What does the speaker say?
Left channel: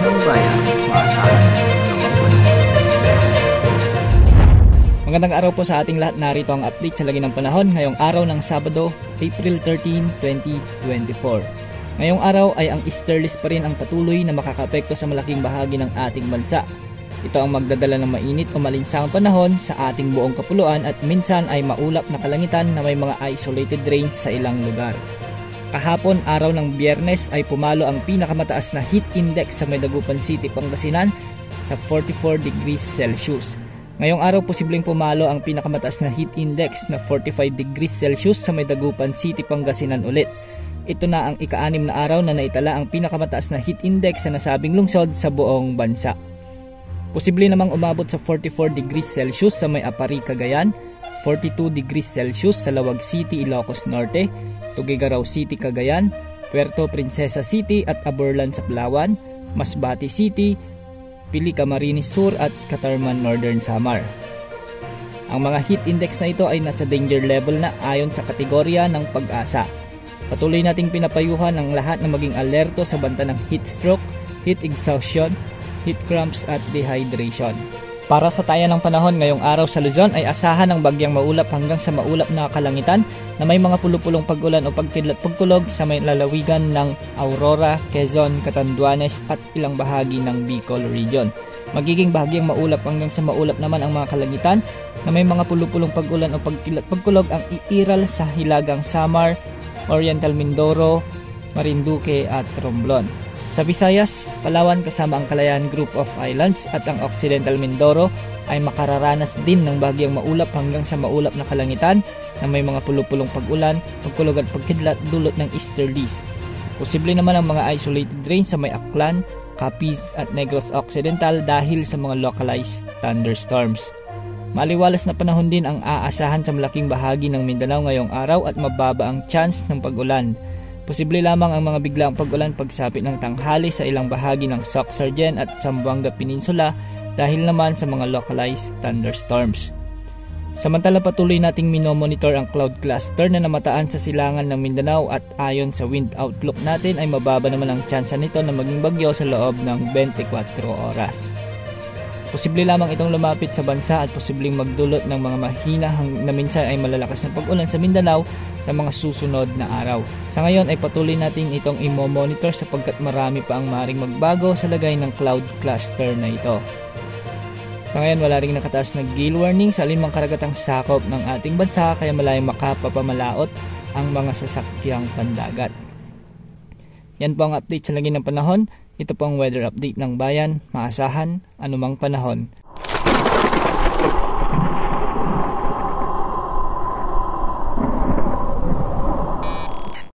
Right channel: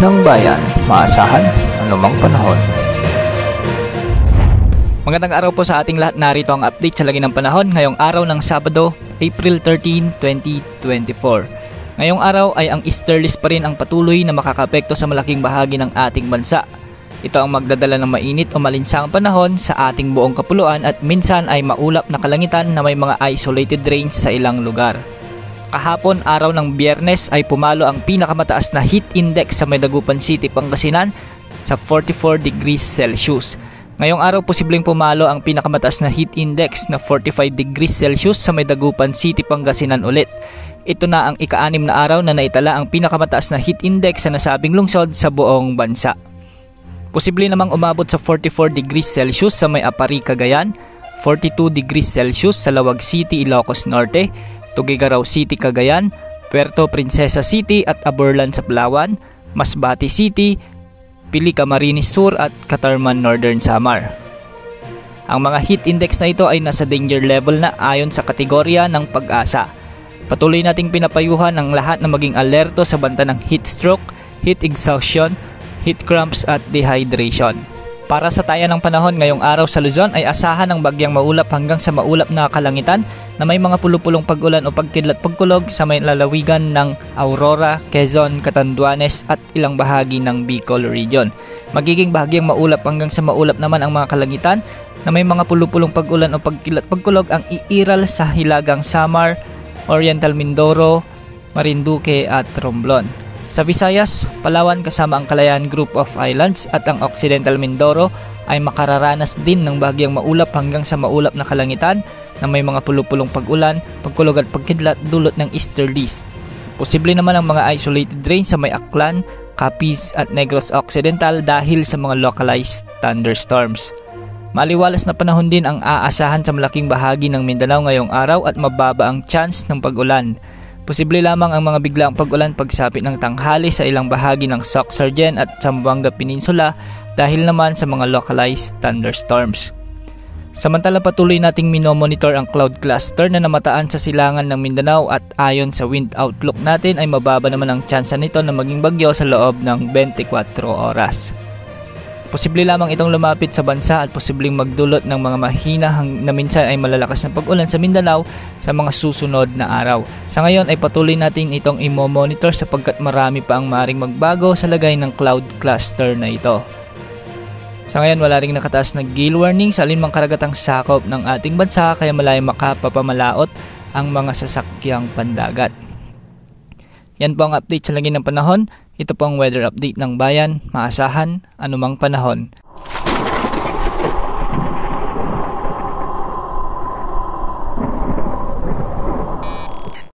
ng bayan, maasahan anumang panahon. Magandang araw po sa ating lahat. Narito ang update sa lagi ng panahon ngayong araw ng Sabado, April 13, 2024. Ngayong araw ay ang easterlies pa rin ang patuloy na makakapekto sa malaking bahagi ng ating bansa. Ito ang magdadala ng mainit o malinsangang panahon sa ating buong kapuluan at minsan ay maulap na kalangitan na may mga isolated rains sa ilang lugar. Kahapon, araw ng Biyernes, ay pumalo ang pinakamataas na heat index sa Dagupan City, Pangasinan sa 44 degrees Celsius. Ngayong araw, posibleng pumalo ang pinakamataas na heat index na 45 degrees Celsius sa Dagupan City, Pangasinan ulit. Ito na ang ika-6 na araw na naitala ang pinakamataas na heat index sa nasabing lungsod sa buong bansa. Posible namang umabot sa 44 degrees Celsius sa may Apari, Cagayan, 42 degrees Celsius sa Lawag City, Ilocos Norte, Tuguegarao City, Cagayan, Puerto Princesa City at Aborlan sa Palawan, Masbate City, Pili, Camarines Sur at Catarman, Northern Samar. Ang mga heat index na ito ay nasa danger level na ayon sa kategorya ng Pag-asa. Patuloy nating pinapayuhan ang lahat na maging alerto sa banta ng heat stroke, heat exhaustion, heat cramps at dehydration. Para sa taya ng panahon ngayong araw sa Luzon ay asahan ng bagyang maulap hanggang sa maulap na kalangitan na may mga pulupulong pag-ulan o pagkidlat-pagkulog sa may lalawigan ng Aurora, Quezon, Catanduanes at ilang bahagi ng Bicol Region. Magiging bahagyang maulap hanggang sa maulap naman ang mga kalangitan na may mga pulupulong pag-ulan o pagkidlat-pagkulog ang iiral sa Hilagang Samar, Oriental Mindoro, Marinduque at Romblon. Sa Visayas, Palawan kasama ang Calayan Group of Islands at ang Occidental Mindoro ay makararanas din ng bahagyang maulap hanggang sa maulap na kalangitan na may mga pulupulong pag-ulan, pagkulog at pagkidlat dulot ng easterlies. Posible naman ang mga isolated rains sa may Aklan, Capiz at Negros Occidental dahil sa mga localized thunderstorms. Maliwalas na panahon din ang aasahan sa malaking bahagi ng Mindanao ngayong araw at mababa ang chance ng pag-ulan. Posible lamang ang mga biglaang pag-ulan pagsapit ng tanghali sa ilang bahagi ng Soc-Sargen at Zamboanga Peninsula dahil naman sa mga localized thunderstorms. Samantala patuloy nating minomonitor ang cloud cluster na namataan sa silangan ng Mindanao at ayon sa wind outlook natin ay mababa naman ang tsansa nito na maging bagyo sa loob ng 24 oras. Posible lamang itong lumapit sa bansa at posibleng magdulot ng mga mahina na minsan ay malalakas na pag-ulan sa Mindanao sa mga susunod na araw. Sa ngayon ay patuloy natin itong i-monitor sapagkat marami pa ang maaaring magbago sa lagay ng cloud cluster na ito. Sa ngayon wala ring nakataas na gale warning sa alinmang karagatang sakop ng ating bansa kaya malayong makapapamalaot ang mga sasakyang pandagat. Yan po ang update sa lagi ng panahon. Ito po ang weather update ng bayan, maasahan anumang panahon.